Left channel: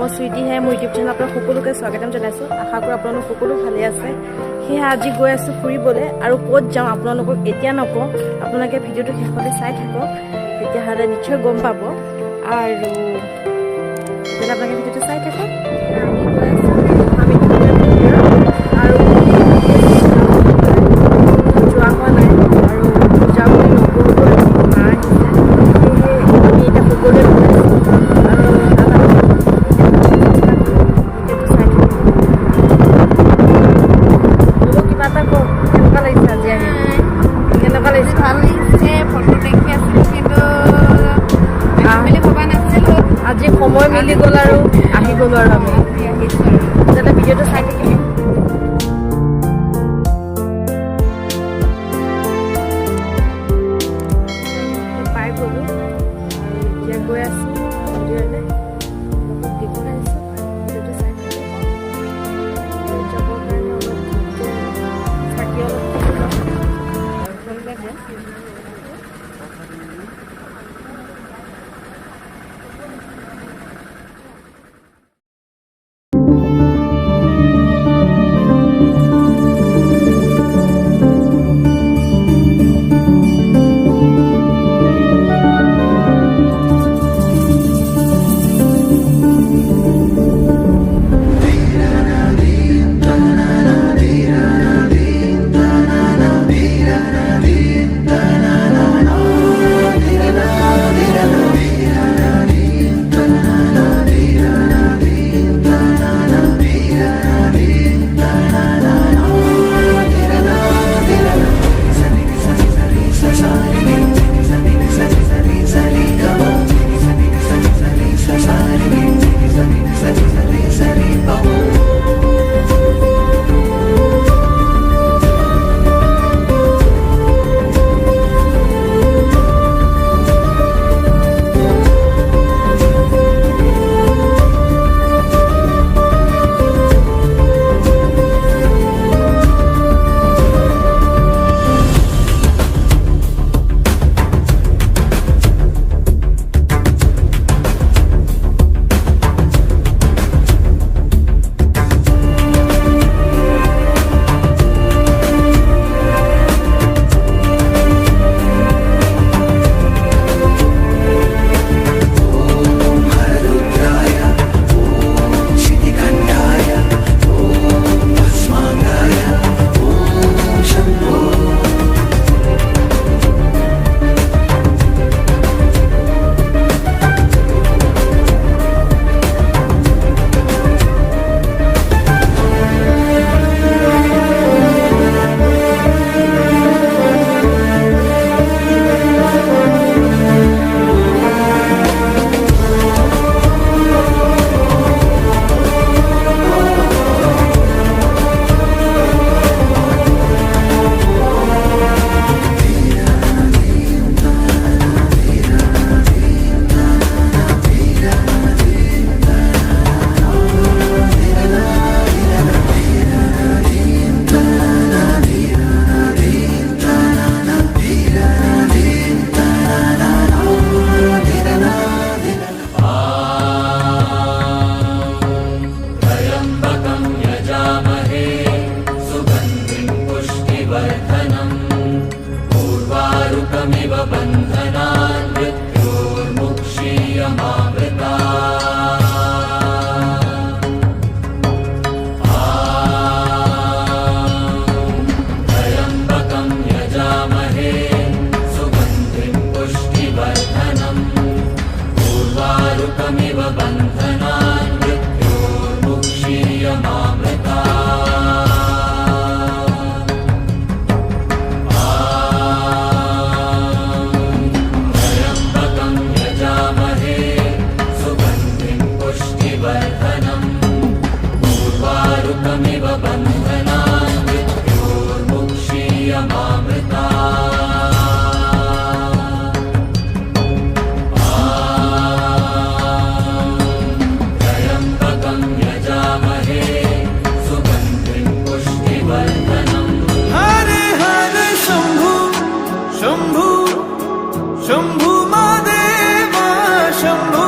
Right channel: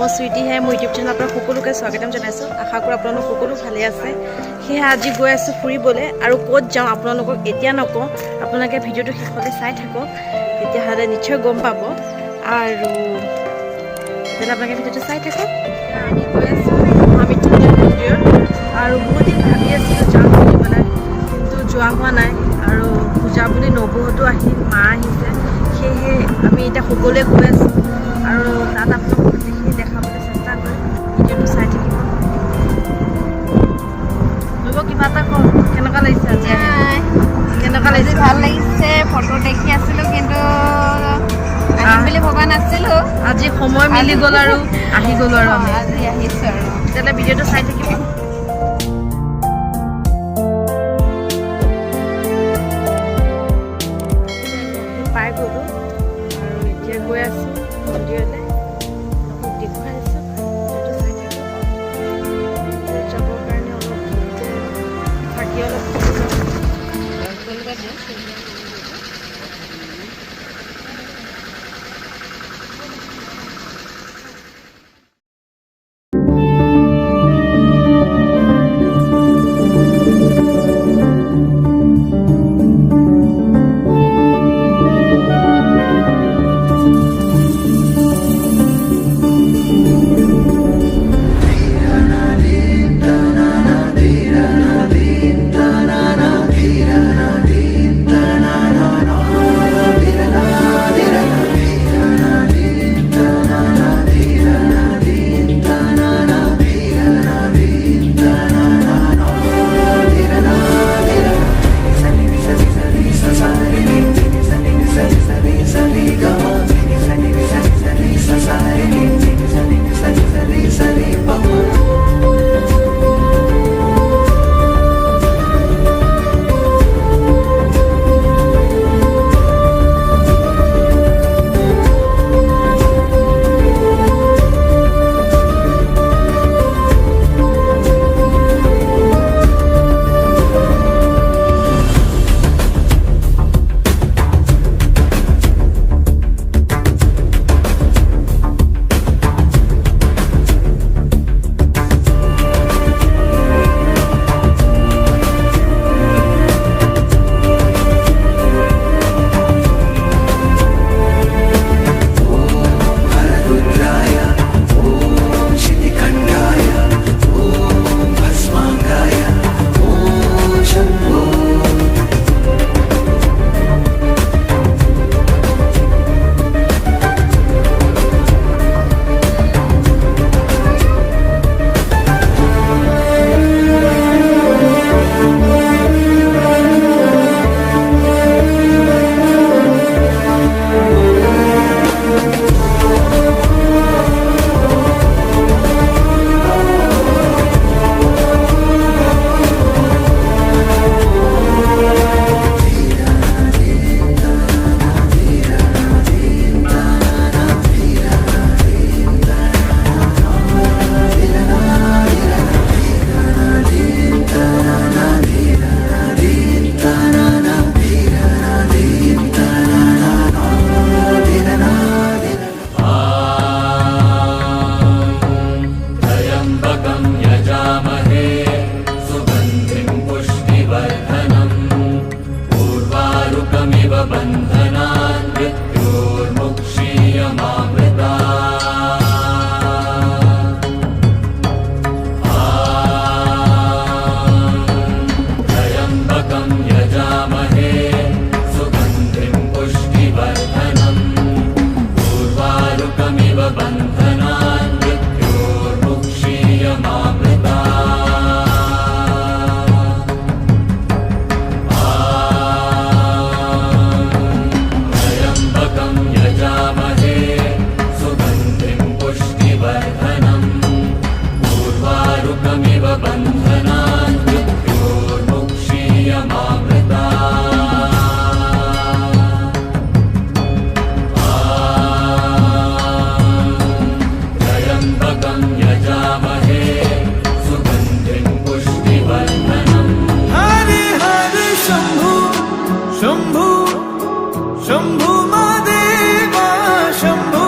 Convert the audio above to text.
মই সুইটিহে মোৰ ইউটিউব চেনেল আপোনাক সকলোকে স্বাগতম জনাইছোঁ। আশা কৰোঁ আপোনালোক সকলো ভালে আছে। সেয়ে আজি গৈ আছোঁ ফুৰিবলৈ, আৰু ক'ত যাওঁ আপোনালোকক এতিয়া নকওঁ, আপোনালোকে ভিডিঅ'টো শেষলৈ চাই থাকক, তেতিয়াহ'লে নিশ্চয় গম পাব। আৰু তেতিয়াহ'লে আপোনালোকে ভিডিঅ'টো চাই থাকক। আমি গৈ আছোঁ মহামৃত্যুঞ্জয় মন্দিৰ, আৰু ভাবি আছোঁ যাওঁ বুলি পেলাই, যোৱা হোৱা নাই, আৰু পূজা বুলি নগ'লেও আহি মা আহিছে, সেয়েহে আমি এতিয়া সকলোৱে গৈ আছোঁ। আৰু তাত ভিডিঅ'টো চাই থাকিব। কিবা এটা কওঁ, কেনেকুৱা লাগিছে আজি আহি? কেনেকুৱা লাগিছে? ভাল লাগিছে। ফটো দেখি আছিলোঁ কিন্তু আহিম বুলি ভবা নাছিলোঁ। আজি সময় মিলি গ'ল আৰু আহি গ'লোঁ আৰু আমি। আজি আহিছোঁ আৰু তেতিয়াহ'লে ভিডিঅ'টো চাই থাকিব। পাই গ'লোঁ আৰু এতিয়া গৈ আছোঁ মন্দিৰলৈ। অলপ দেখুৱাই আছোঁ, ভিডিঅ'টো চাই থাকিব। যাবৰ কাৰণে অলপ থাকি অলপ থাকি যাওঁ। पूर्वारुकमिव बन्धनान् मृत्योर्मुक्षीयमामृता त्र्यम्बकं यजामहे सुगन्धिं पुष्टिवर्धनम् पूर्वारुकमिव बन्धनान् मृत्योर्मुक्षीयमामृता पूर्वारुकमिव बन्धनान् मृत्योर्मुक्षीयमामृता त्र्यम्बकं यजामहे सुगन्धिं पुष्टिवर्धनम्। हरे हरे शम्भु शम्भु शम्भु महादेवा शम्भु